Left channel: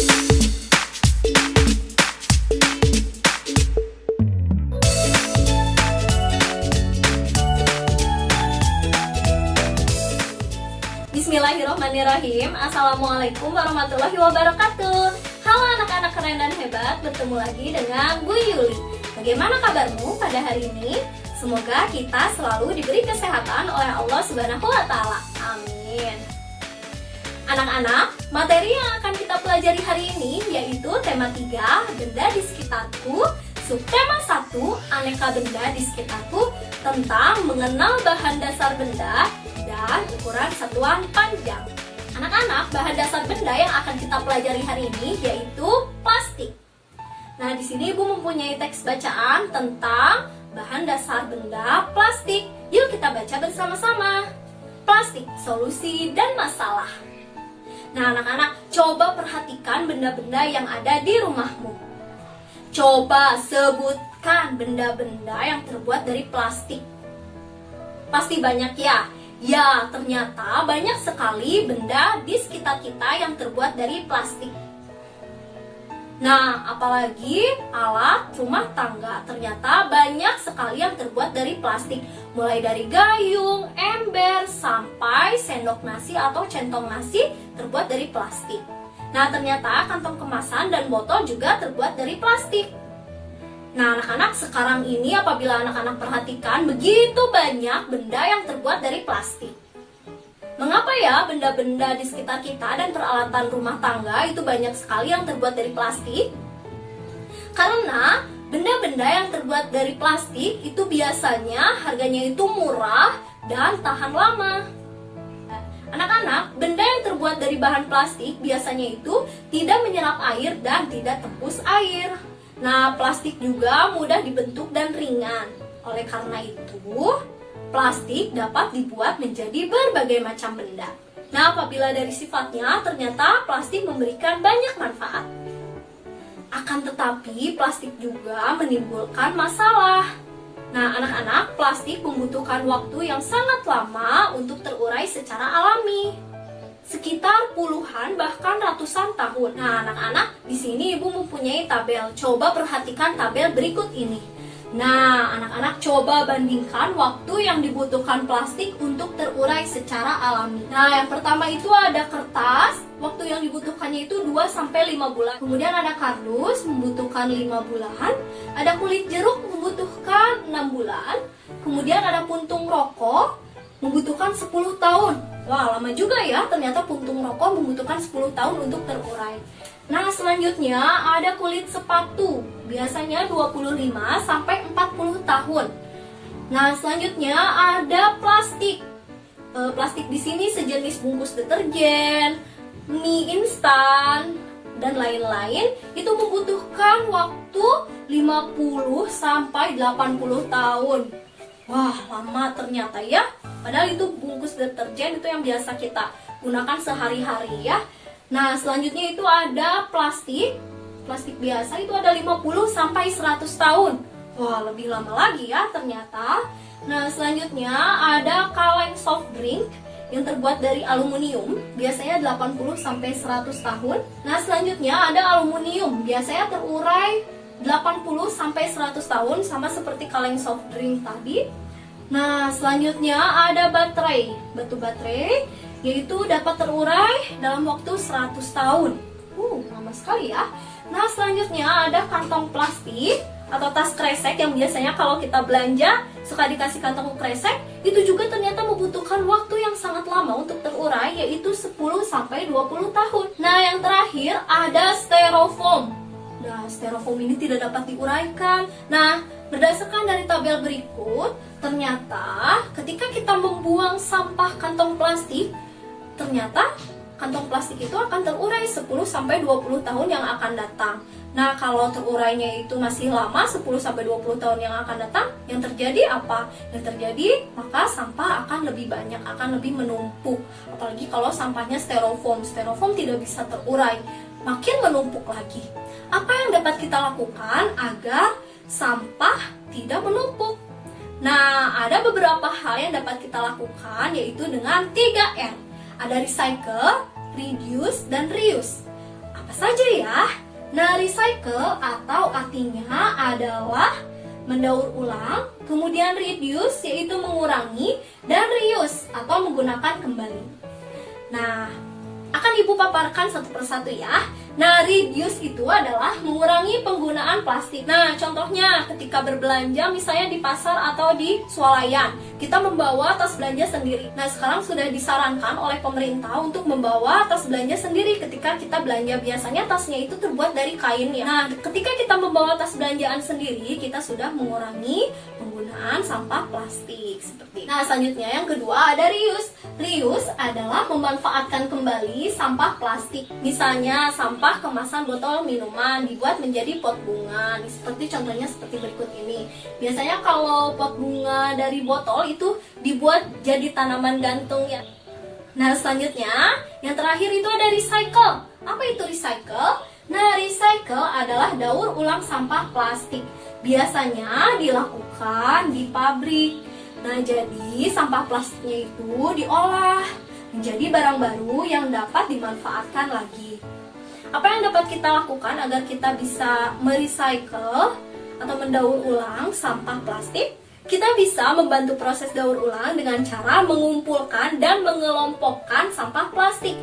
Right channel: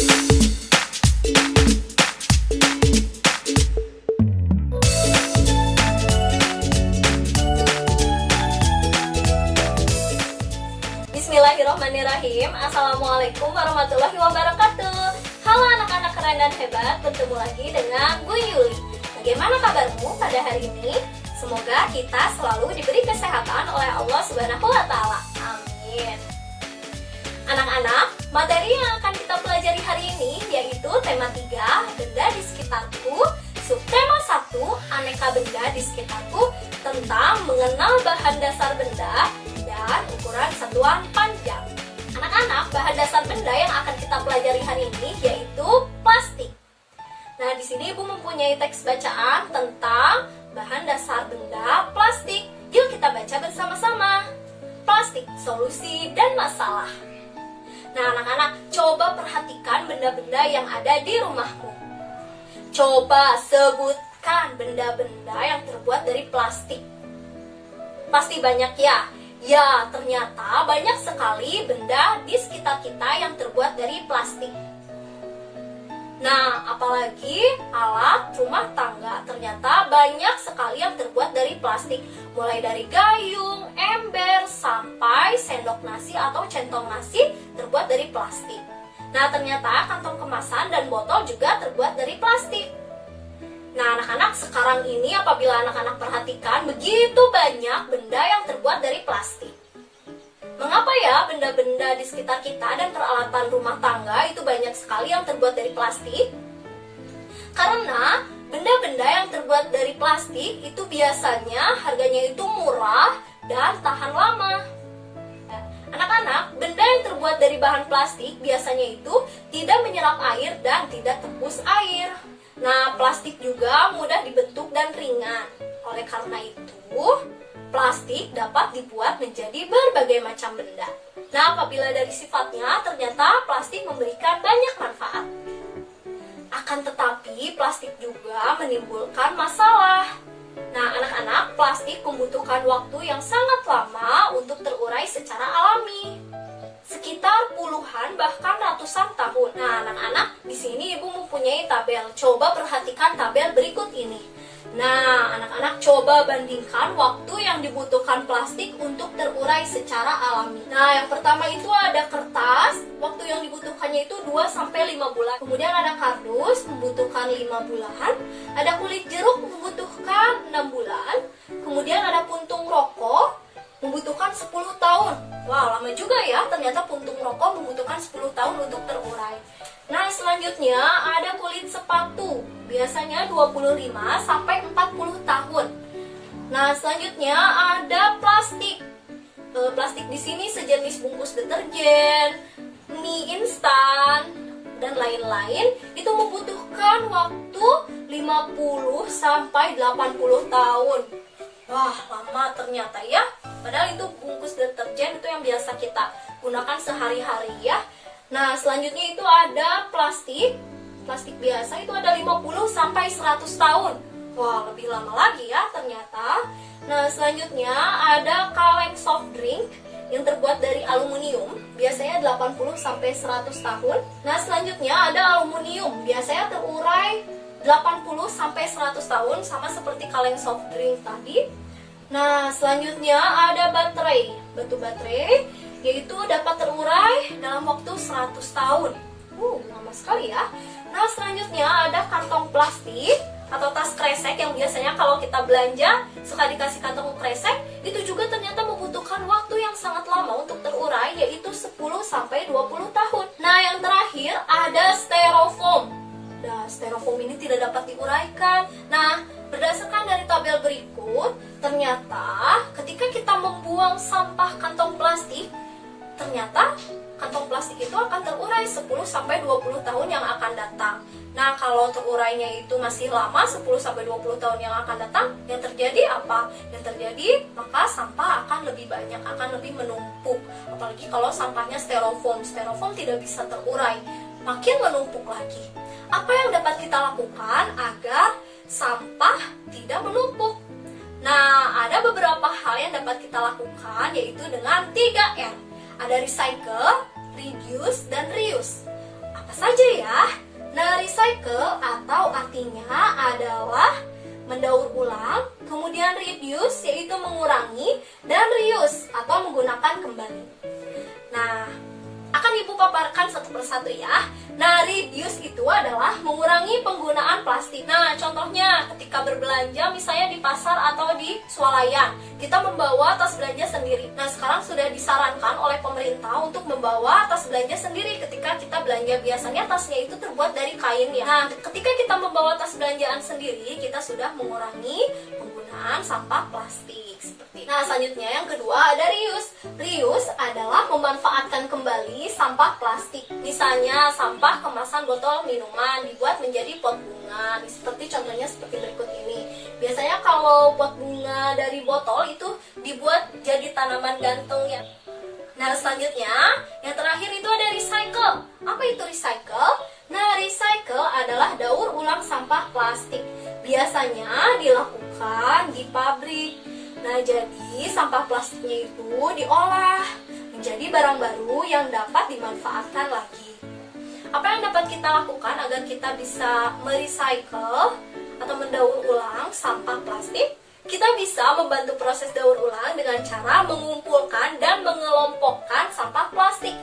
Bismillahirrahmanirrahim. Assalamualaikum warahmatullahi wabarakatuh. Halo anak-anak keren dan hebat, bertemu lagi dengan Bu Yuli. Bagaimana kabarmu pada hari ini? Semoga kita selalu diberi kesehatan oleh Allah Subhanahu wa Ta'ala. Amin. Anak-anak, materi yang akan kita pelajari hari ini yaitu tema 3, benda di sekitarku, subtema 1, aneka benda di sekitarku, tentang mengenal bahan dasar benda dan ukuran satuan panjang. Anak-anak, bahan dasar benda yang akan kita pelajari hari ini yaitu plastik. Nah, di sini Ibu mempunyai teks bacaan tentang bahan dasar benda plastik. Yuk kita baca bersama-sama. Plastik, solusi dan masalah. Nah, anak-anak, coba perhatikan benda-benda yang ada di rumahmu. Coba sebutkan benda-benda yang terbuat dari plastik. Pasti banyak ya? Ya, ternyata banyak sekali benda di sekitar kita yang terbuat dari plastik. Nah, apalagi alat rumah tangga. Ternyata banyak sekali yang terbuat dari plastik. Mulai dari gayung, ember, sampai sendok nasi atau centong nasi terbuat dari plastik. Nah, ternyata kantong kemasan dan botol juga terbuat dari plastik. Nah, anak-anak, sekarang ini apabila anak-anak perhatikan, begitu banyak benda yang terbuat dari plastik. Mengapa ya benda-benda di sekitar kita dan peralatan rumah tangga itu banyak sekali yang terbuat dari plastik? Karena benda-benda yang terbuat dari plastik itu biasanya harganya itu murah dan tahan lama. Anak-anak, benda yang terbuat dari bahan plastik biasanya itu tidak menyerap air dan tidak tembus air. Nah, plastik juga mudah dibentuk dan ringan. Oleh karena itu, plastik dapat dibuat menjadi berbagai macam benda. Nah, apabila dari sifatnya, ternyata plastik memberikan banyak manfaat. Akan tetapi, plastik juga menimbulkan masalah. Nah, anak-anak, plastik membutuhkan waktu yang sangat lama untuk terurai secara alami. Sekitar puluhan bahkan ratusan tahun. Nah, anak-anak, di sini Ibu mempunyai tabel. Coba perhatikan tabel berikut ini. Nah, anak-anak, coba bandingkan waktu yang dibutuhkan plastik untuk terurai secara alami. Nah, yang pertama itu ada kertas. Waktu yang dibutuhkannya itu 2-5 bulan. Kemudian ada kardus, membutuhkan 5 bulan. Ada kulit jeruk, membutuhkan 6 bulan. Kemudian ada puntung rokok, membutuhkan 10 tahun. Wah, lama juga ya, ternyata puntung rokok membutuhkan 10 tahun untuk terurai. Nah, selanjutnya ada kulit sepatu, biasanya 25-40 tahun. Nah, selanjutnya ada plastik. Plastik di sini sejenis bungkus deterjen, mie instan, dan lain-lain. Itu membutuhkan waktu 50-80 tahun. Wah, lama ternyata ya. Padahal itu bungkus deterjen itu yang biasa kita gunakan sehari-hari ya. Nah, selanjutnya itu ada plastik. Plastik biasa itu ada 50-100 tahun. Wah, lebih lama lagi ya ternyata. Nah, selanjutnya ada kaleng soft drink yang terbuat dari aluminium, biasanya 80-100 tahun. Nah, selanjutnya ada aluminium, biasanya terurai 80-100 tahun, sama seperti kaleng soft drink tadi. Nah, selanjutnya ada baterai. Batu baterai, yaitu dapat terurai dalam waktu 100 tahun. Lama sekali ya. Nah, selanjutnya ada kantong plastik atau tas kresek yang biasanya kalau kita belanja suka dikasih kantong kresek. Itu juga ternyata membutuhkan waktu yang sangat lama untuk terurai, yaitu 10-20 tahun. Nah, yang terakhir ada styrofoam. Nah, styrofoam ini tidak dapat diuraikan. Nah, berdasarkan dari tabel berikut, ternyata ketika kita membuang sampah kantong plastik, ternyata kantong plastik itu akan terurai 10-20 tahun yang akan datang. Nah, kalau terurainya itu masih lama, 10-20 tahun yang akan datang, yang terjadi apa? Yang terjadi, maka sampah akan lebih banyak, akan lebih menumpuk. Apalagi kalau sampahnya styrofoam. Styrofoam tidak bisa terurai, makin menumpuk lagi. Apa yang dapat kita lakukan agar sampah tidak menumpuk? Nah, ada beberapa hal yang dapat kita lakukan, yaitu dengan 3R. Ada recycle, reduce, dan reuse. Apa saja aja ya. Nah, recycle atau artinya adalah mendaur ulang, kemudian reduce yaitu mengurangi, dan reuse atau menggunakan kembali. Nah, akan Ibu paparkan satu persatu ya. Nah, reduce itu adalah mengurangi penggunaan plastik. Nah, contohnya ketika berbelanja misalnya di pasar atau di swalayan, kita membawa tas belanja sendiri. Nah, sekarang sudah disarankan oleh pemerintah untuk membawa tas belanja sendiri ketika kita belanja. Biasanya tasnya itu terbuat dari kain ya. Nah, ketika kita membawa tas belanjaan sendiri, kita sudah mengurangi penggunaan sampah plastik seperti. Nah, selanjutnya yang kedua ada reuse. Reuse adalah memanfaatkan kembali sampah plastik. Misalnya sampah kemasan botol minuman dibuat menjadi pot bunga. Seperti contohnya seperti berikut ini. Biasanya kalau pot bunga dari botol itu dibuat jadi tanaman gantung ya. Nah, selanjutnya yang terakhir itu ada recycle. Apa itu recycle? Nah, recycle adalah daur ulang sampah plastik. Biasanya dilakukan di pabrik. Nah, jadi sampah plastiknya itu diolah menjadi barang baru yang dapat dimanfaatkan lagi. Apa yang dapat kita lakukan agar kita bisa merecycle atau mendaur ulang sampah plastik? Kita bisa membantu proses daur ulang dengan cara mengumpulkan dan mengelompokkan sampah plastik.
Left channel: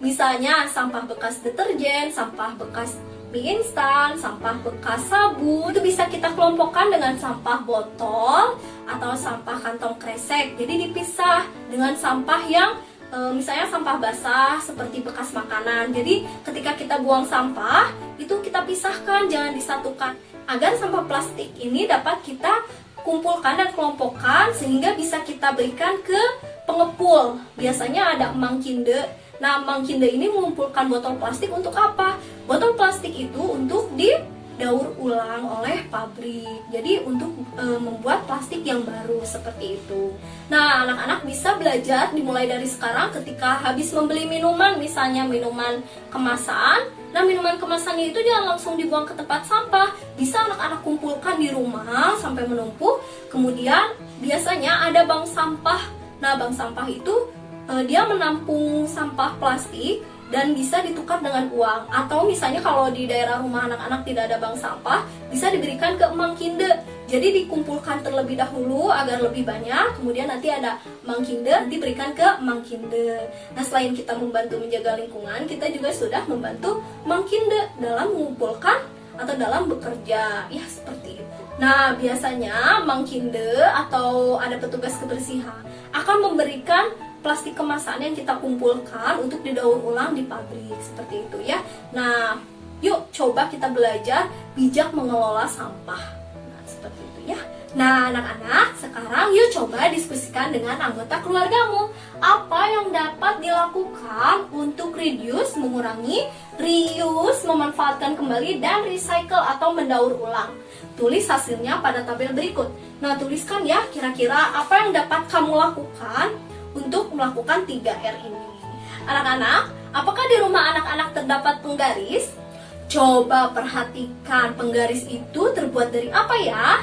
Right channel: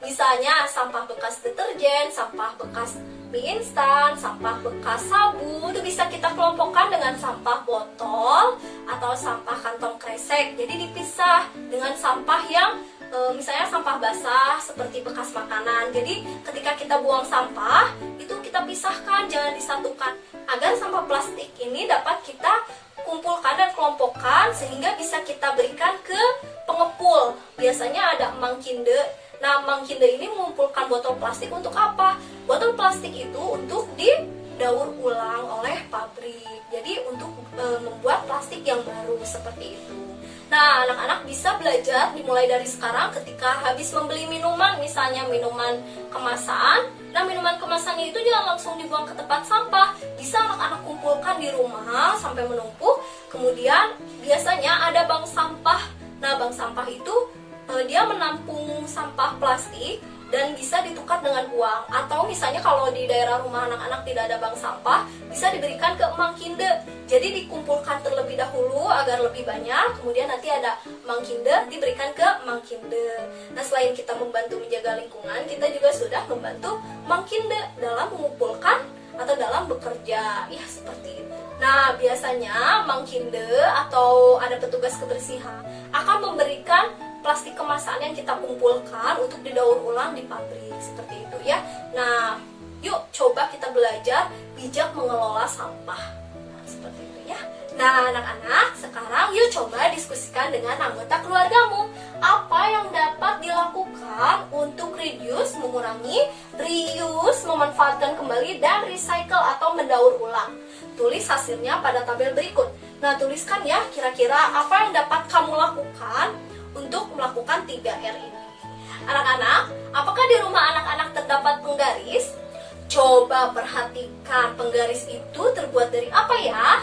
Misalnya sampah bekas deterjen, sampah bekas mie instan, sampah bekas sabun, itu bisa kita kelompokkan dengan sampah botol atau sampah kantong kresek. Jadi dipisah dengan sampah yang misalnya sampah basah seperti bekas makanan. Jadi ketika kita buang sampah, itu kita pisahkan, jangan disatukan. Agar sampah plastik ini dapat kita kumpulkan dan kelompokkan sehingga bisa kita berikan ke pengepul. Biasanya ada emang kinde. Nah, Mang Kinde ini mengumpulkan botol plastik untuk apa? Botol plastik itu untuk didaur ulang oleh pabrik. Jadi untuk membuat plastik yang baru seperti itu. Nah, anak-anak bisa belajar dimulai dari sekarang ketika habis membeli minuman, misalnya minuman kemasan. Nah, minuman kemasannya itu jangan langsung dibuang ke tempat sampah. Bisa anak-anak kumpulkan di rumah sampai menumpuk. Kemudian biasanya ada bank sampah. Nah, bank sampah itu dia menampung sampah plastik dan bisa ditukar dengan uang. Atau misalnya kalau di daerah rumah anak-anak tidak ada bank sampah, bisa diberikan ke Mang Kinde. Jadi dikumpulkan terlebih dahulu agar lebih banyak, kemudian nanti ada Mang Kinde diberikan ke Mang Kinde. Nah, selain kita membantu menjaga lingkungan, kita juga sudah membantu Mang Kinde dalam mengumpulkan atau dalam bekerja. Ya, seperti itu. Nah, biasanya Mang Kinde atau ada petugas kebersihan akan memberikan plastik kemasan yang kita kumpulkan untuk didaur ulang di pabrik seperti itu ya. Nah, yuk coba kita belajar bijak mengelola sampah. Nah, seperti itu ya. Nah, anak-anak, sekarang yuk coba diskusikan dengan anggota keluargamu. Apa yang dapat dilakukan untuk reduce, mengurangi, reuse, memanfaatkan kembali, dan recycle atau mendaur ulang. Tulis hasilnya pada tabel berikut. Nah, tuliskan ya kira-kira apa yang dapat kamu lakukan untuk melakukan 3R ini. Anak-anak, apakah di rumah anak-anak terdapat penggaris? Coba perhatikan penggaris itu terbuat dari apa ya?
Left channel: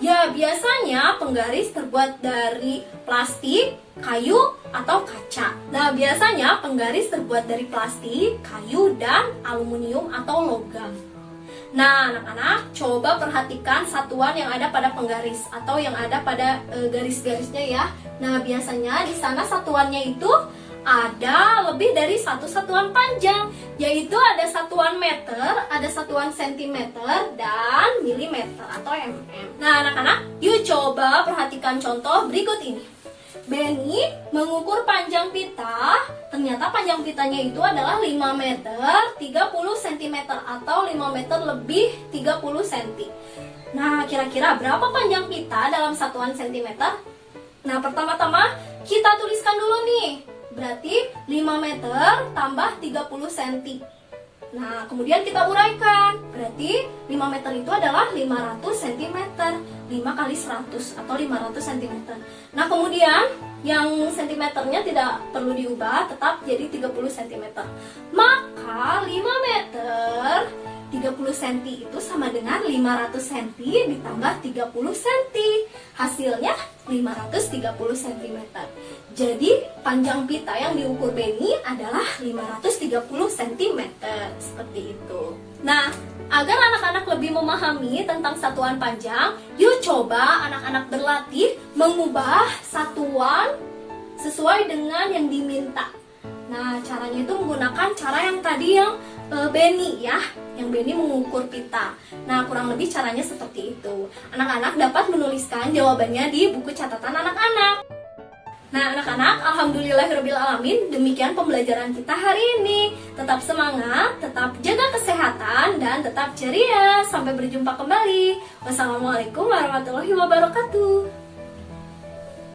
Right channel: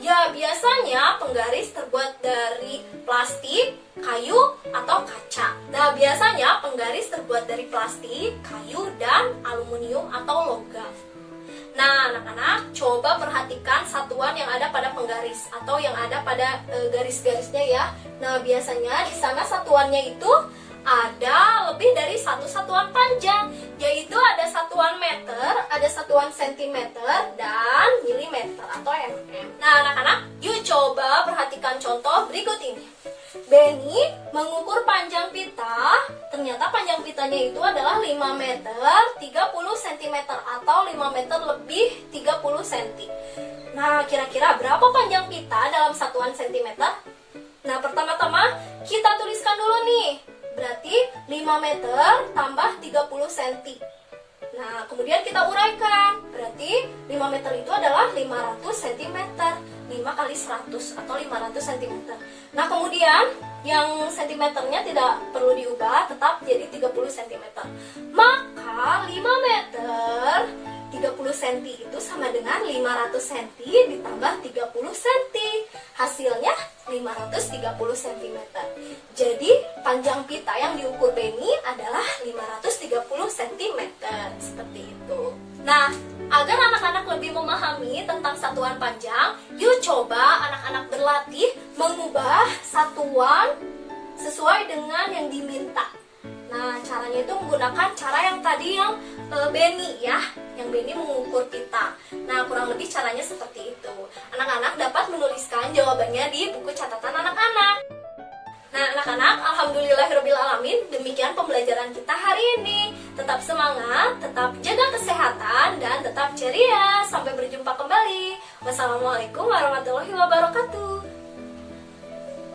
Ya, biasanya penggaris terbuat dari plastik, kayu, atau kaca. Nah, biasanya penggaris terbuat dari plastik, kayu, dan aluminium atau logam. Nah, anak-anak, coba perhatikan satuan yang ada pada penggaris atau yang ada pada garis-garisnya ya. Nah, biasanya di sana satuannya itu ada lebih dari satu satuan panjang, yaitu ada satuan meter, ada satuan sentimeter, dan milimeter atau mm. Nah, anak-anak, yuk coba perhatikan contoh berikut ini. Benny mengukur panjang pita. Ternyata panjang pitanya itu adalah 5 meter 30 cm atau 5 meter lebih 30 cm. Nah, kira-kira berapa panjang pita dalam satuan sentimeter? Nah, pertama-tama kita tuliskan dulu nih. Berarti 5 meter tambah 30 cm. Nah, kemudian kita uraikan. Berarti 5 meter itu adalah 500 cm. 5 kali 100 atau 500 cm. Nah, kemudian yang sentimeternya tidak perlu diubah, tetap jadi 30 cm. Maka 5 meter 30 cm itu sama dengan 500 cm ditambah 30 cm. Hasilnya 530 cm. Jadi panjang pita yang diukur Benny adalah 530 cm. Seperti itu. Nah, agar anak-anak lebih memahami tentang satuan panjang, yuk coba anak-anak berlatih mengubah satuan sesuai dengan yang diminta. Nah, caranya itu menggunakan cara yang tadi yang Benny ya, yang Benny mengukur pita. Nah, kurang lebih caranya seperti itu. Anak-anak dapat menuliskan jawabannya di buku catatan anak-anak. Nah, anak-anak, alhamdulillahirobbilalamin, demikian pembelajaran kita hari ini. Tetap semangat, tetap jaga kesehatan, dan tetap ceria. Sampai berjumpa kembali. Wassalamualaikum warahmatullahi wabarakatuh.